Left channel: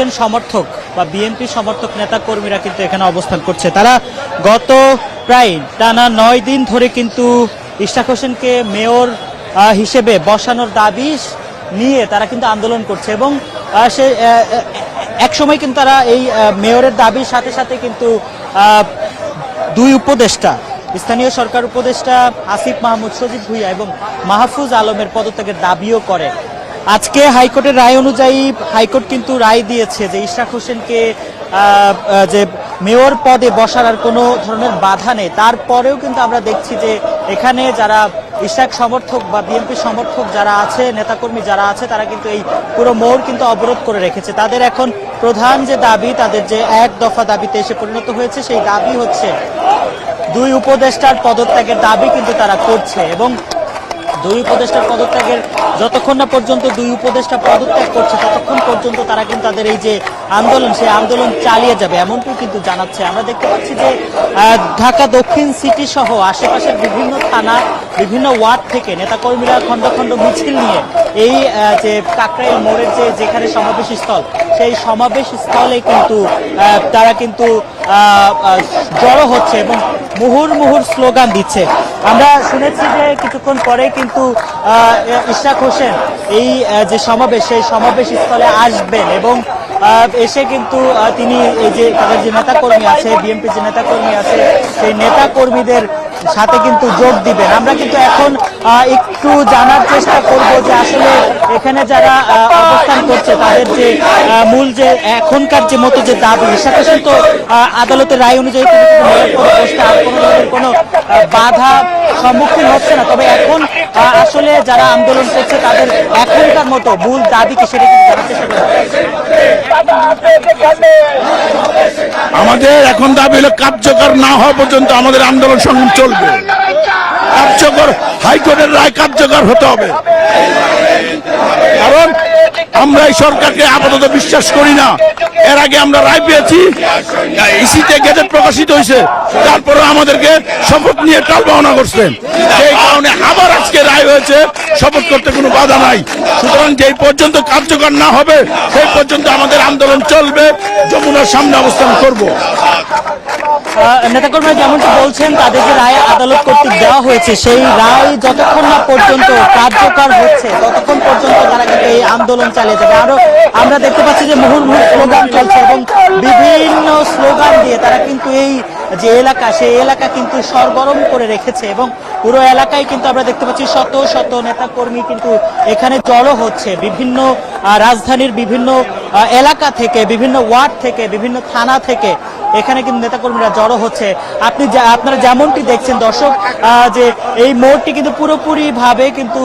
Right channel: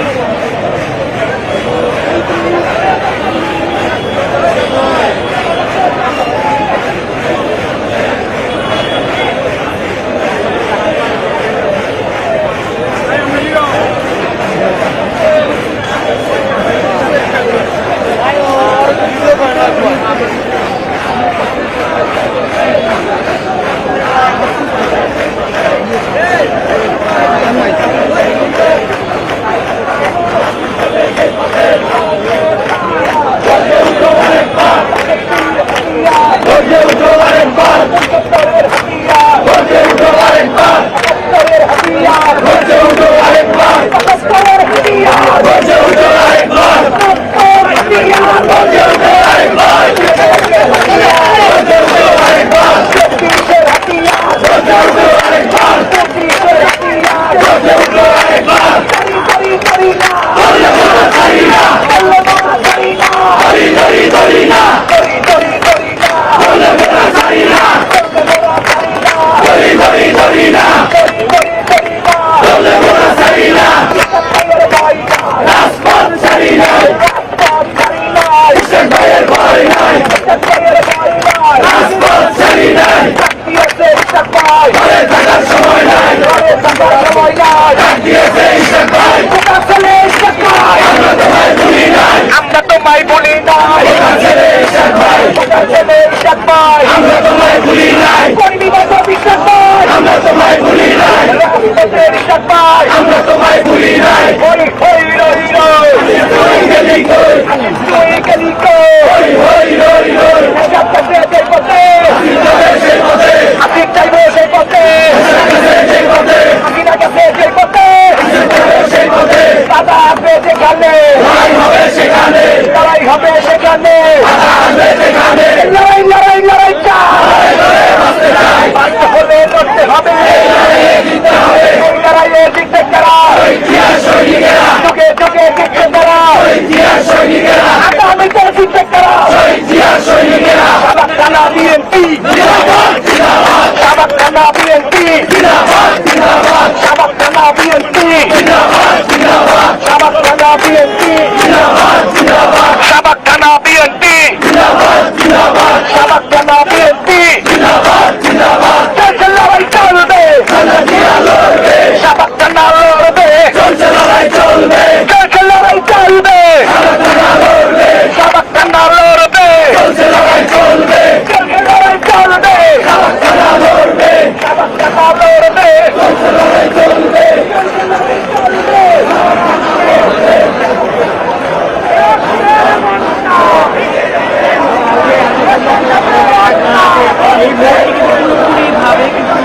একজন সমর্থক বা বিএনপি সমর্থক নেতা কর্মীরা কিন্তু এখানে অবস্থান করছে। তারা গত প্রায় টানা নয় দিন ধরে কিন্তু ইশাক হোসেনকে মেয়র হিসেবে বসানোর দাবি নিয়ে তারা কিন্তু আন্দোলন করছে এবং সে একসময় কিন্তু তারা এই মেয়রের দাবির সাথে সাথে কিন্তু দুই উপদেষ্টা, স্থানীয় সরকার উপদেষ্টা আসিফ মাহমুদ শরীফ এবং মাহফুজ আলমের পদত্যাগের দাবিও করে। আজকে হাইকোর্টের রায় অনুযায়ী হাইকোর্ট কিন্তু রায় দিয়েছে যে ইশরাক হোসেনকে যে মেয়র পদে বসার কোনো ধরনের বাধা নেই তারপরেও কিন্তু আমরা দেখছি যে এখানে যারা ইশরাক সমর্থক বা বিএনপি সমর্থক যারা আছে নেতাকর্মী যারা আছে তারা কিন্তু পুরো মোড় কিন্তু অবরোধ করে রেখেছে তাদের এখন প্রধান যে দাবি তাদের যে কয়েক দফা দাবিতে সেটা কিন্তু হচ্ছে সেই দাবি হচ্ছে দুই উপদেষ্টার পদত্যাগের দাবি কিন্তু তারা করছে এবং দুই উপদেষ্টার পদত্যাগের যতক্ষণ না পর্যন্ত দুই উপদেষ্টা পদত্যাগ করছে ততক্ষণ পর্যন্ত তারা কিন্তু তাদের এই যে আন্দোলন সেই আন্দোলন চালিয়ে যাবে এমনটা কিন্তু জানাচ্ছে আমাদের আহ, ঢাকা দক্ষিণ সিটি সহ আশেপাশে বিভিন্ন থানা বিভিন্ন ওয়ার্ড থেকে নেতাকর্মীরা কিন্তু হচ্ছে না এই আহ, যে কাকরাইল সেই সমাবেশ স্থলে কিন্তু আহ, তারা কিন্তু আহ, বড় হচ্ছে এবং মুহুর মুহুর স্লোগান দিচ্ছে আমরা শুনেছি কিছুক্ষণ পরে কিন্তু আহ, ইসলাম হোসেন এই আহ, যে সমাবেশ সেই সমাবেশে আসবে এবং আহ, একটু জানার এখানে যারা তাদের আহ, মূল যে এখনকার যে মতো যে দাবি সেটা কিন্তু আহ, আদালতের রায় অনুযায়ী বাধা সম্মুখীন হচ্ছে না। এবং তারা আসলে যারা আন্দোলন করছে তাদের এখনকার মতো মূল দাবিকে আমাদের এখন দাবি হলো কার্যকর না হওয়া পর্যন্ত আমাদের আন্দোলন সংগ্রাম চলবে। কার্যকর হাইকোর্টের রায় কার্যকর হতে হবে। কারণ আমরা এই সরকারকে আপাতত বিশ্বাস করি না। এর আগে আমরা রায় পেয়েছি। ইসিতে গেজেট প্রকাশিত হয়েছে। তারপরে আমাদেরকে শপথ নিয়ে কাল করছে। আবার আজকে রায় হয়েছে শপথ করতে কোনো বাধা নাই। সুতরাং যে পর্যন্ত কার্যকর না হবে সেই পর্যন্ত আমাদের আন্দোলন চলবে। সামনে অবস্থান করব নেতাকর্মী যেমনটা বলছেন তাদেরকে রায় আদালত দেওয়া হয়েছে সেই রায় যতক্ষণ পর্যন্ত কার্যকর হচ্ছে যে যে এখানে জড়ো হচ্ছে বিভিন্ন আহ, রাজধানীর বিভিন্ন এলাকা থেকে, বিভিন্ন ওয়ার্ড থেকে, বিভিন্ন থানা থেকে এখানে কিন্তু নেতাকর্মীরা জড়ো হচ্ছে। আপনি আপনারা যেমনটি দেখছেন, দর্শক যে এই মোড়টি কিন্তু পুরোপুরি ভাবে কিন্তু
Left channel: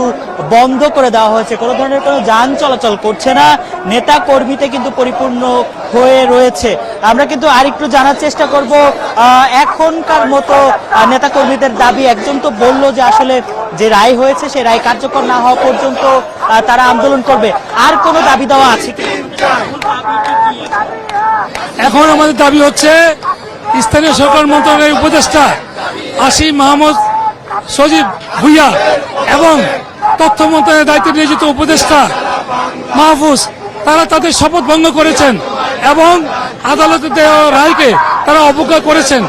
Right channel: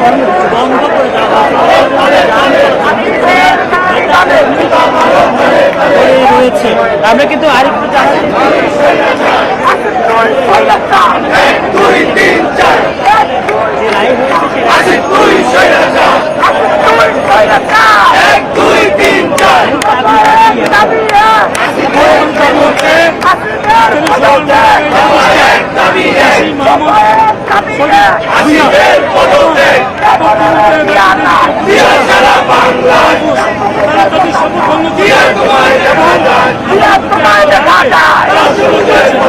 বন্ধ করে দেওয়া হয়েছে যান চলাচল করছে না। নেতা কর্মীতে কিন্তু হয়ে রয়েছে। আমরা কিন্তু আরেকটু জানার চেষ্টা করব এখনকার মতো নেতা কর্মীদের দাবি একজন তো বলল যে আসলে যে রায় হয়েছে সেই রায় কার্যকর তারা আন্দোলন করবে। আর দাবি হচ্ছে স্থানীয় সরকার মন্ত্রণালয়ের উপদেষ্টা আসিফ মাহমুদ সজীব ভুইয়া এবং তথ্য মন্ত্রণালয়ের দায়িত্ব নিয়োজিত উপদেষ্টা মাহফুজ তারা তাদের শপথ ভঙ্গ করেছেন এবং আদালতে দেওয়া রায়কে তারা অবজ্ঞা করেছেন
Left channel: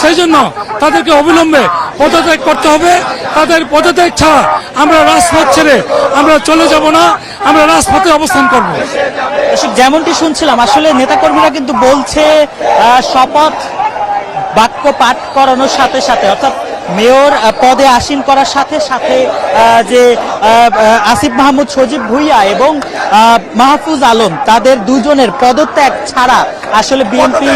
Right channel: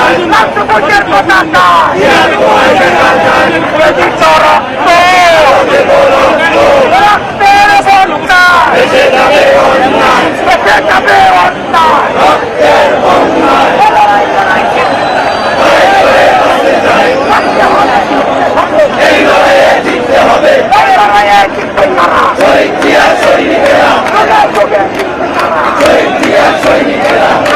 সেই জন্য তাদেরকে অবিলম্বে পদত্যাগ করতে হবে তাদের পদত্যাগ ছাড়া আমরা রাজপথ ছেড়ে আমরা চলে যাব না আমরা রাজপথে অবস্থান করব যেমনটি শুনছিলাম আসলে নেতাকর্মীরা কিন্তু বলছে শপথ বাক্য পাঠ করানোর সাথে সাথে মেয়র পদে আসীন করার সাথে সাথে যে আসিফ মাহমুদ সজিব ভুইয়া এবং মাহফুজ আলম তাদের দুজনের পদত্যাগ ছাড়া আসলে বিএনপি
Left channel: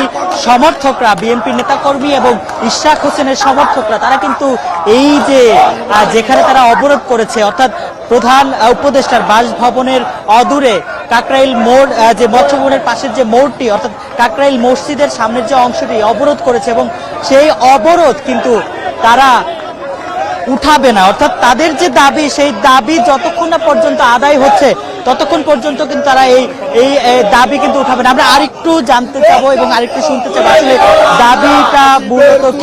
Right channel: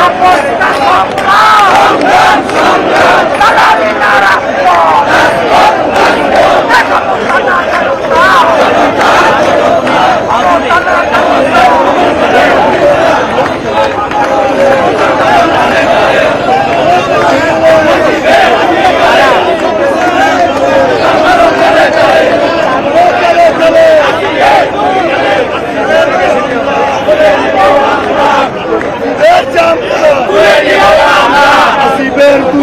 সমর্থকরা বিএনপি নেতাকর্মী এবং ইশাক হোসেনের সমর্থকরা তারা কিন্তু এই যে আহ, যেখানে তারা অবরোধ করেছে অর্থাৎ প্রধান আহ, উপদেষ্টা বাসভবনের অদূরে কাকরাইল মোড় আহ, যে বাসভবনের পাশের যে মোড়টি অর্থাৎ কাকরাইল মসজিদের সামনে যে অংশটি অবরোধ করেছে এবং সেই অবরোধ কিন্তু তারা উঠাবে না অর্থাৎ তাদের যে দাবি সেই দাবি যতক্ষণ না পর্যন্ত আদায় হচ্ছে ততক্ষণ পর্যন্ত কিন্তু তারা এই এই দাবি কিন্তু উঠাবে না। আমরা আরেকটু জানতে চাবো এবং আরেকটু শুনতে দাবিটা মূলত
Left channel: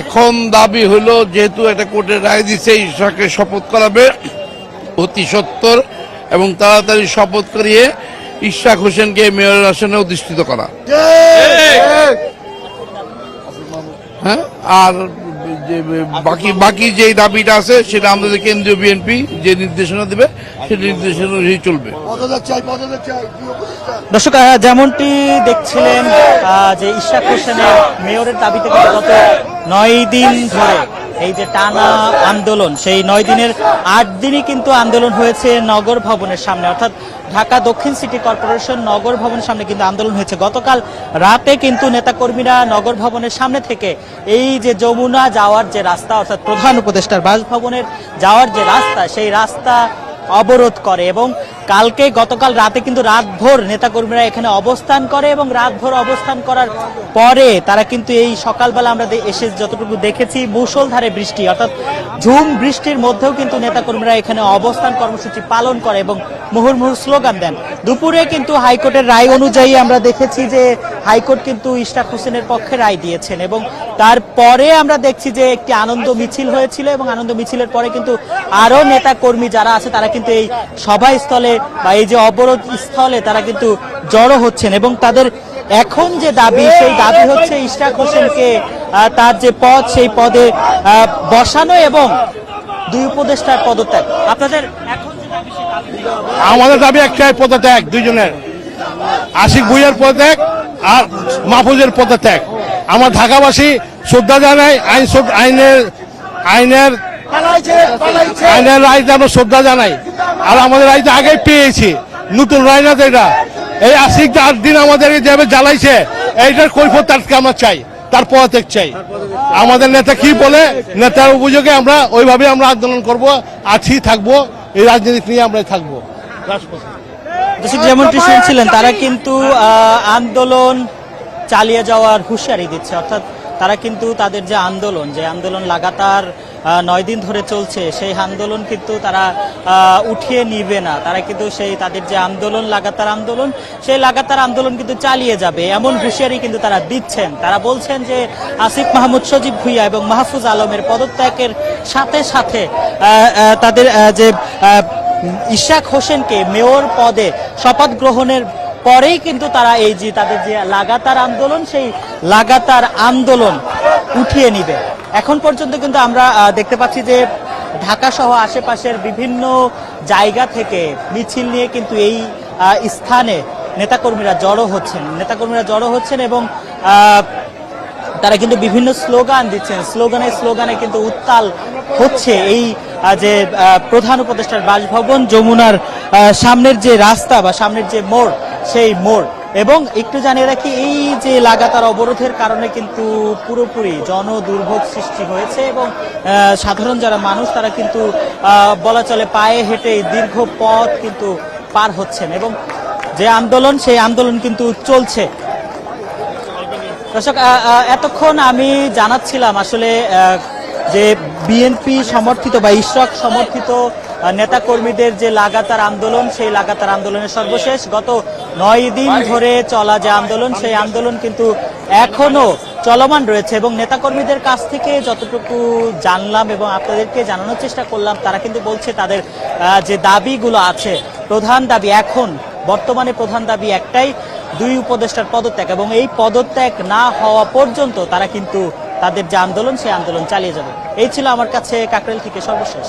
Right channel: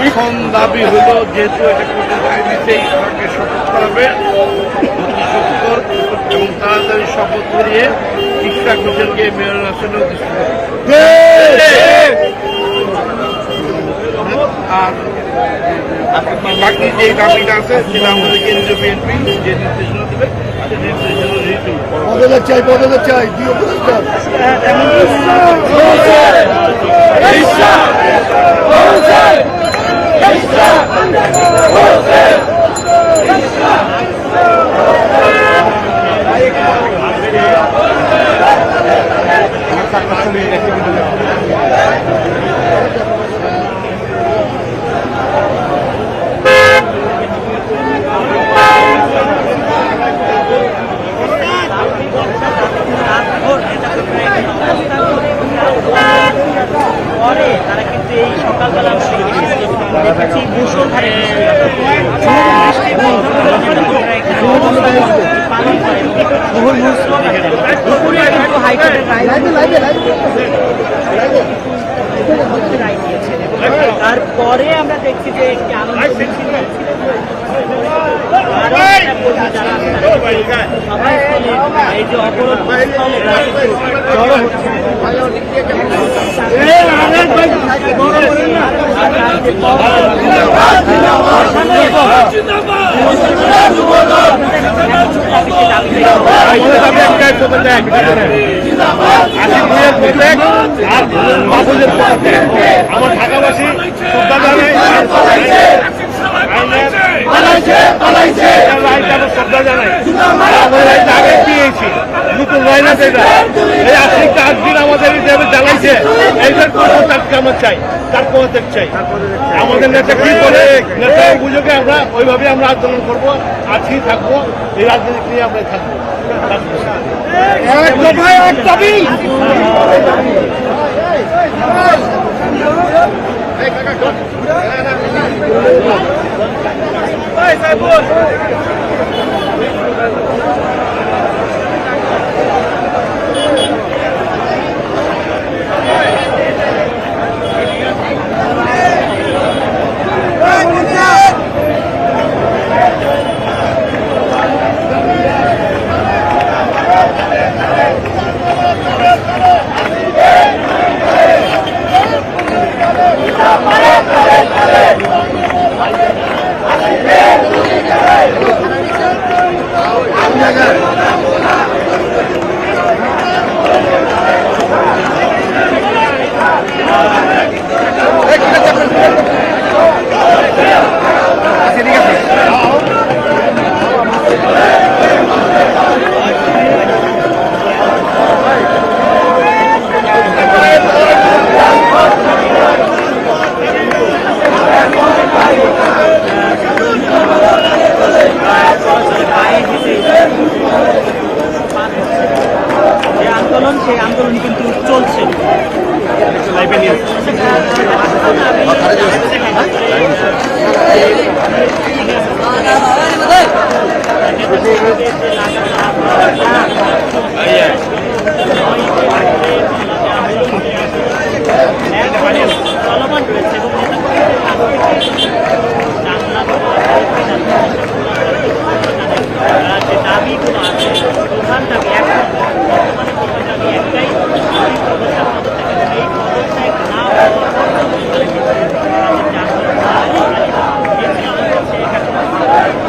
এখন দাবি হলো যেহেতু এটা কোর্টের রায় দিচ্ছে ঈশ্বরকে শপথ করাবে অতি সত্তর এবং তাড়াতাড়ি শপথ করিয়ে ইশরাক হোসেনকে মেয়র আসনে অধিষ্ঠিত করা। হ্যাঁ? আর বাকি বাকি যে দাবিটা আছে সেটা আমাদের কেন্দ্রীয় বিএনপি যে নির্দেশনা দেবে সেই নির্দেশনা অনুযায়ী চলবে। দর্শক যেমনটি নয় দিন আন্দোলন সেই নয় দিনের আট দিনই কিন্তু আন্দোলন হয়েছে নগর ভবনের সামনে। অর্থাৎ ঢাকা দক্ষিণ সিটি কর্পোরেশন নগর ভবনের সামনে কিন্তু আন্দোলন হয়েছে। গতকাল রাতে কিন্তু নেতাকর্মীরা নগর ভবনের সামনে থেকে এই যে যমুনা যাওয়ার যে রাস্তা, অর্থাৎ প্রধান উপদেষ্টার বাসভবনের যাওয়ার যে রাস্তা, সেই রাস্তা অবরোধ করে এবং কালকে গতকাল রাতে কিন্তু রাতভর নেতাকর্মীরা এখানে অবস্থান করে এবং রাতভর অবস্থান করার পরে তারা কিন্তু এই সকালবেলা আমাদের এসে যতটুকু দেখেছি, মুষলধারে বৃষ্টি, অর্থাৎ ঝুম বৃষ্টির মধ্যেও কিন্তু নেতাকর্মীরা এখানে অবস্থান কর্মসূচি পালন করে এবং মুহুর্মুহু স্লোগান দেন। দুপুরে কিন্তু হাইকোর্টের রায় অনুযায়ী আমরা দেখেছি যে হাইকোর্ট কিন্তু ইশরাক হোসেনের পক্ষে রায় দিয়েছেন এবং তারপরে আমরা দেখছি যে একটি আনন্দ মিছিল হয়েছিল এবং আনন্দ মিছিলের পরে কিন্তু আরও নেতা কর্মী যারা আছে তারা কিন্তু এই সভাস্থলে বা এই যে অবরোধ স্থলে তারা কিন্তু জড়ো হচ্ছেন এবং তাদের এখন যে দাবি সেই দাবি হচ্ছে তার যে পদ সেই পদে বসানো এবং আমাদের দাবি একটাই পদত্যাগ দুজনের আশিক ভুইয়ের পদত্যাগ আর মাহফুজের পদত্যাগ। আমার ঢাকাবাসী শ্রদ্ধা জানাই আইন আইনের আইনের আইনের রায়টা আমরা শ্রদ্ধা জানাই। আর আমাদের রায়টা আগে পেয়েছি। নতুন রায় না তো এটা এই আশিটা চার দিন আমাদের এই যেভাবে জ্বালাইছে। এইটার কৈফত তাকে আমরা চাই। তার পদত্যাগ চাই। আমাদের নেতা কি বলে নেতার অভিযোগে আমরা ওইভাবে আমরা আন্দোলন করব, আছি, থাকব। এই রাজনীতি নিয়ে আমরা থাকব। যেমন শুনছিলেন তারা কিন্তু আন্দোলন চালিয়ে যাওয়ার হুঁশিয়ারি দিচ্ছে। অর্থাৎ তারা কিন্তু তাদের যে আন্দোলন যে আন্দোলন লাগাতার নয় দিন ধরে চলছে, সেই আন্দোলন কিন্তু তারা উঠিয়ে নিবে না। তারা কিন্তু সেই তাদের যে আন্দোলন, লাগাতার আন্দোলন, সেই লাগাতার আন্দোলন কিন্তু চালিয়ে যাবে। এমন হুঁশিয়ারি কিন্তু তারা দিচ্ছেন। তারা বলছেন যে আসিফ মাহমুদ, সজিব ভুইয়া এবং মাহফুজ আলমের পদত্যাগের সাথে সাথে তাদের যে ইশাক হোসেনকে মেয়র পদে শপথ গ্রহণের পরেই কিন্তু তারা এই যে লাগাতার আন্দোলন, সেই লাগাতার আন্দোলন উঠিয়ে নিবে এখন পর্যন্ত কিন্তু আমরা দেখতে পাচ্ছি যে ঢাকা সহ আশেপাশের বিভিন্ন জায়গা থেকে মিছিল নিয়ে কিন্তু এই স্থানে নেতাকর্মীরা জড়ো হচ্ছে নেতাকর্মীরা জড়ো হচ্ছেন এবং তারা কিন্তু বিভিন্ন স্লোগান দিচ্ছেন। স্লোগানে স্লোগানে কিন্তু হচ্ছে এই যে প্রধান উপদেষ্টা রাজভবন যমুনার সামনের যে রাস্তা বা সামনের যে মোড় সেই মোড়। এবং একটু জানিয়ে রাখি যে লাগাতার সাধারণ যারা মানুষ বলা চলে পায়ে হেঁটে দীর্ঘ পথ কিন্তু পার হচ্ছে। যে আন্দোলন সেই আন্দোলন কিন্তু চলছে। এতক্ষণ আমি জানাচ্ছিলাম আসলে যে বিএনপি সমর্থিত বা ইশরাক সমর্থিত নেতাকর্মীদের যে লাগাতার আন্দোলন, সেই লাগাতার আন্দোলন সর্বশেষ গত নয় দিন ধরে চলা যে আন্দোলন, সেই আন্দোলন কিন্তু এখনও চলমান রয়েছে এবং নেতাকর্মীদের কাছ থেকে যতটুকু জানলাম এবং আপনাদেরকে জানানোর চেষ্টা করলাম, তারা কিন্তু বলছে তাদের যে দাবিগুলো আছে, প্রধান দাবি এখন বর্তমানে প্রধান দাবি একটাই, দুই উপদেষ্টার পদত্যাগ। এবং এই পদত্যাগ না হওয়া পর্যন্ত তারা কিন্তু তাদের যে আন্দোলন সে আন্দোলন চালিয়ে যাবে। এই ছিল আমার কাছে থেকে সর্বশেষ